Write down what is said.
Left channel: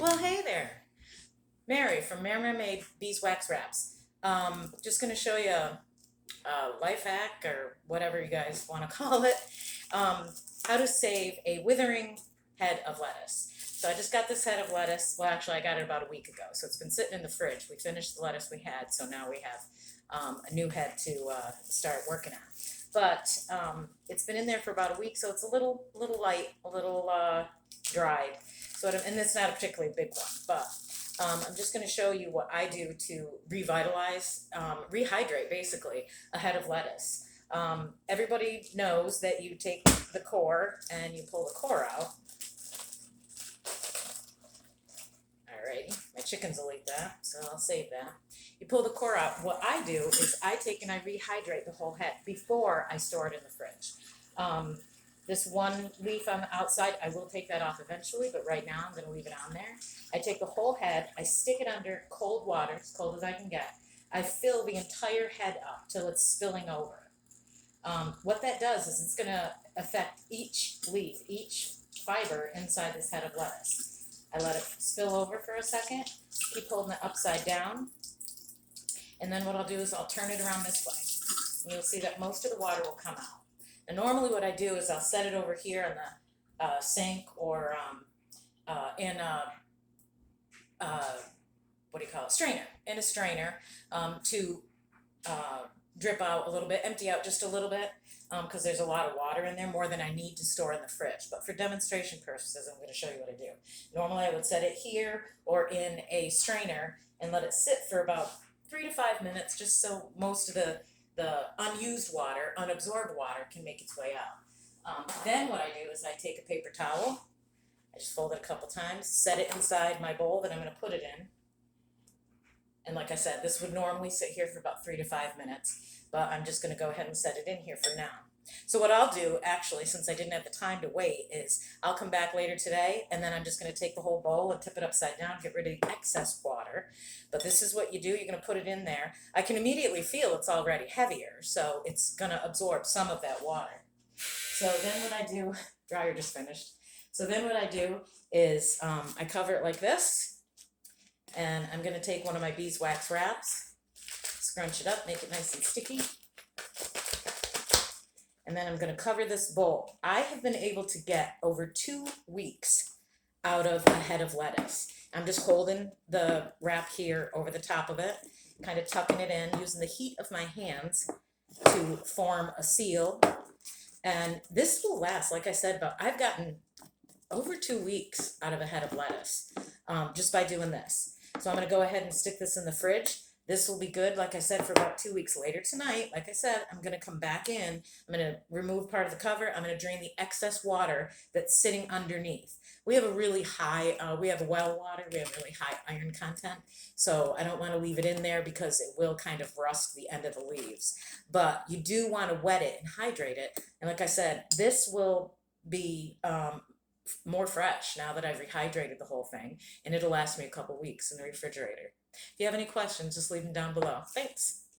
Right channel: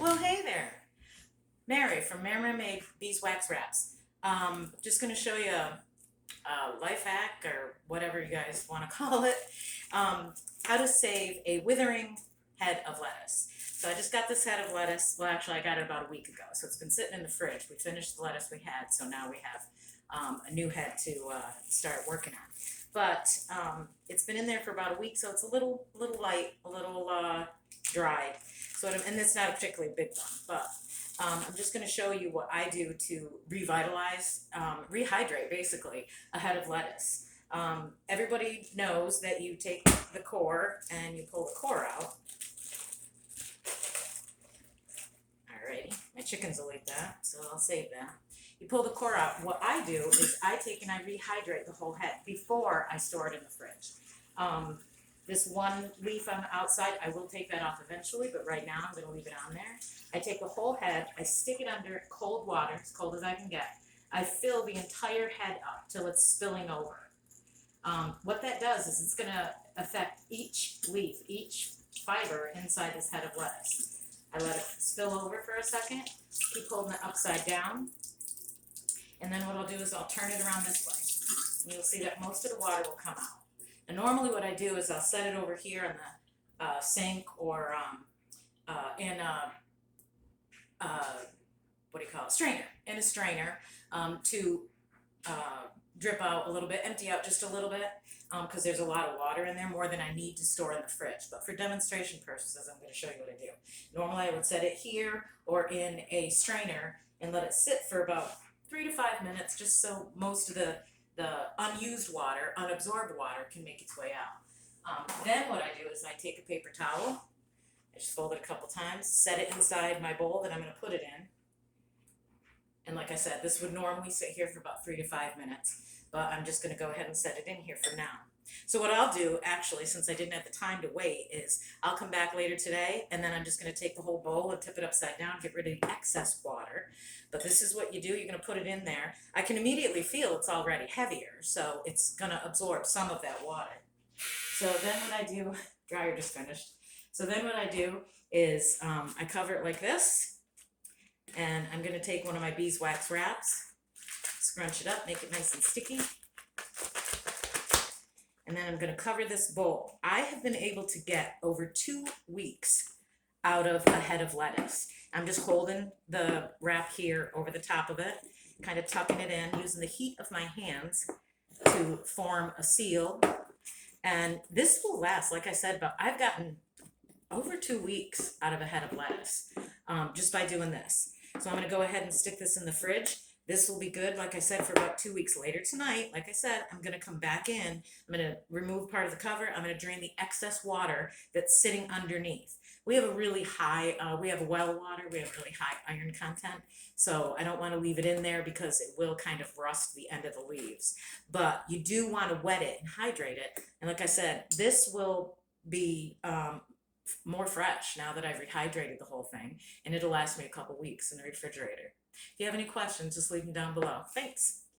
Well, hey there, Mary from Mary Made Beeswax Wraps. Just going to show you a life hack or whatever you guys want to call it. How to save a withering head of lettuce. So I just got this head of lettuce. Well, actually, I got it about a week ago. So it's been sitting in the fridge. We finished the lettuce we had, so now we have a new head to start working on. But it's been in there for about a week, so it's a little light, a little dried. And it's not a particularly big one, but I'm just going to show you what I do to revitalize, rehydrate basically a head of lettuce. Everybody knows that you take the core and you pull the core out. Alrighty, my chickens will eat that, so I'll save that. You pull the core out. What I do is I take and I rehydrate the whole head before I store it in the fridge. This one leaf on the outside, I will take that off eventually, but right now I'm going to leave it on there. I take the whole head, I stick it under cold water, as cold as I can get. I fill the entire head up till it's spilling over. What that does is it's going to affect each leaf, each fiber inside this head of lettuce. I let it spill over for a second, keep holding it upside down, and then what I'll do is I'll turn it around this way. And you'll see that most of the water will come out. And normally what I do is I'll set it over here in the sink or in a strainer, in a strainer to drip out a little bit, empty out just a little bit because there's a lot of water in there, more than I need to store in the fridge. But for demonstration purposes, I'm going to show you what I do. Normally I would set it here or in a strainer and let it sit for about 3 to 5 minutes just so most of the unused water, unabsorbed water can make its way out. Then what I do is I take a paper towel, I just fold it a couple times, set it inside my bowl that I'm going to put it in. And like I said, this would normally sit here for about 3 to 5 minutes, but I'm just going to go ahead and set it in here for now. So what I'll do, actually, since I didn't have the time to wait, is I'll come back later today, and then I'm just going to take the whole bowl and tip it upside down, get rid of the excess water. But this is what you do. You're going to put it in there. I can immediately feel it's already heavier, so it's going to absorb some of that water. So then what I do, dryer just finished. So then what I do is I cover it like this, and I'm going to take one of my beeswax wraps, scrunch it up, make it nice and sticky. And then I'm going to cover this bowl. I have been able to get over 2 weeks out of a head of lettuce. I'm just holding the wrap here over the top of it, kind of tucking it in, using the heat of my hands to form a seal. And this will last, like I said, but I've gotten over 2 weeks out of a head of lettuce just by doing this. So I'm going to go ahead and stick this in the fridge. This will be good, like I said, for about 2 weeks later tonight. Like I said, I'm going to come back in. I'm going to remove part of the cover. I'm going to drain the excess water that's sitting underneath. We have a really high, we have well water. We have really high iron content. So I don't want to leave it in there because it will kind of rust the end of the leaves. But you do want to wet it and hydrate it. And like I said, this will be more fresh now that I've rehydrated the whole thing. And it'll last me a couple weeks in the refrigerator. If you have any questions, just leave them down below. Thanks.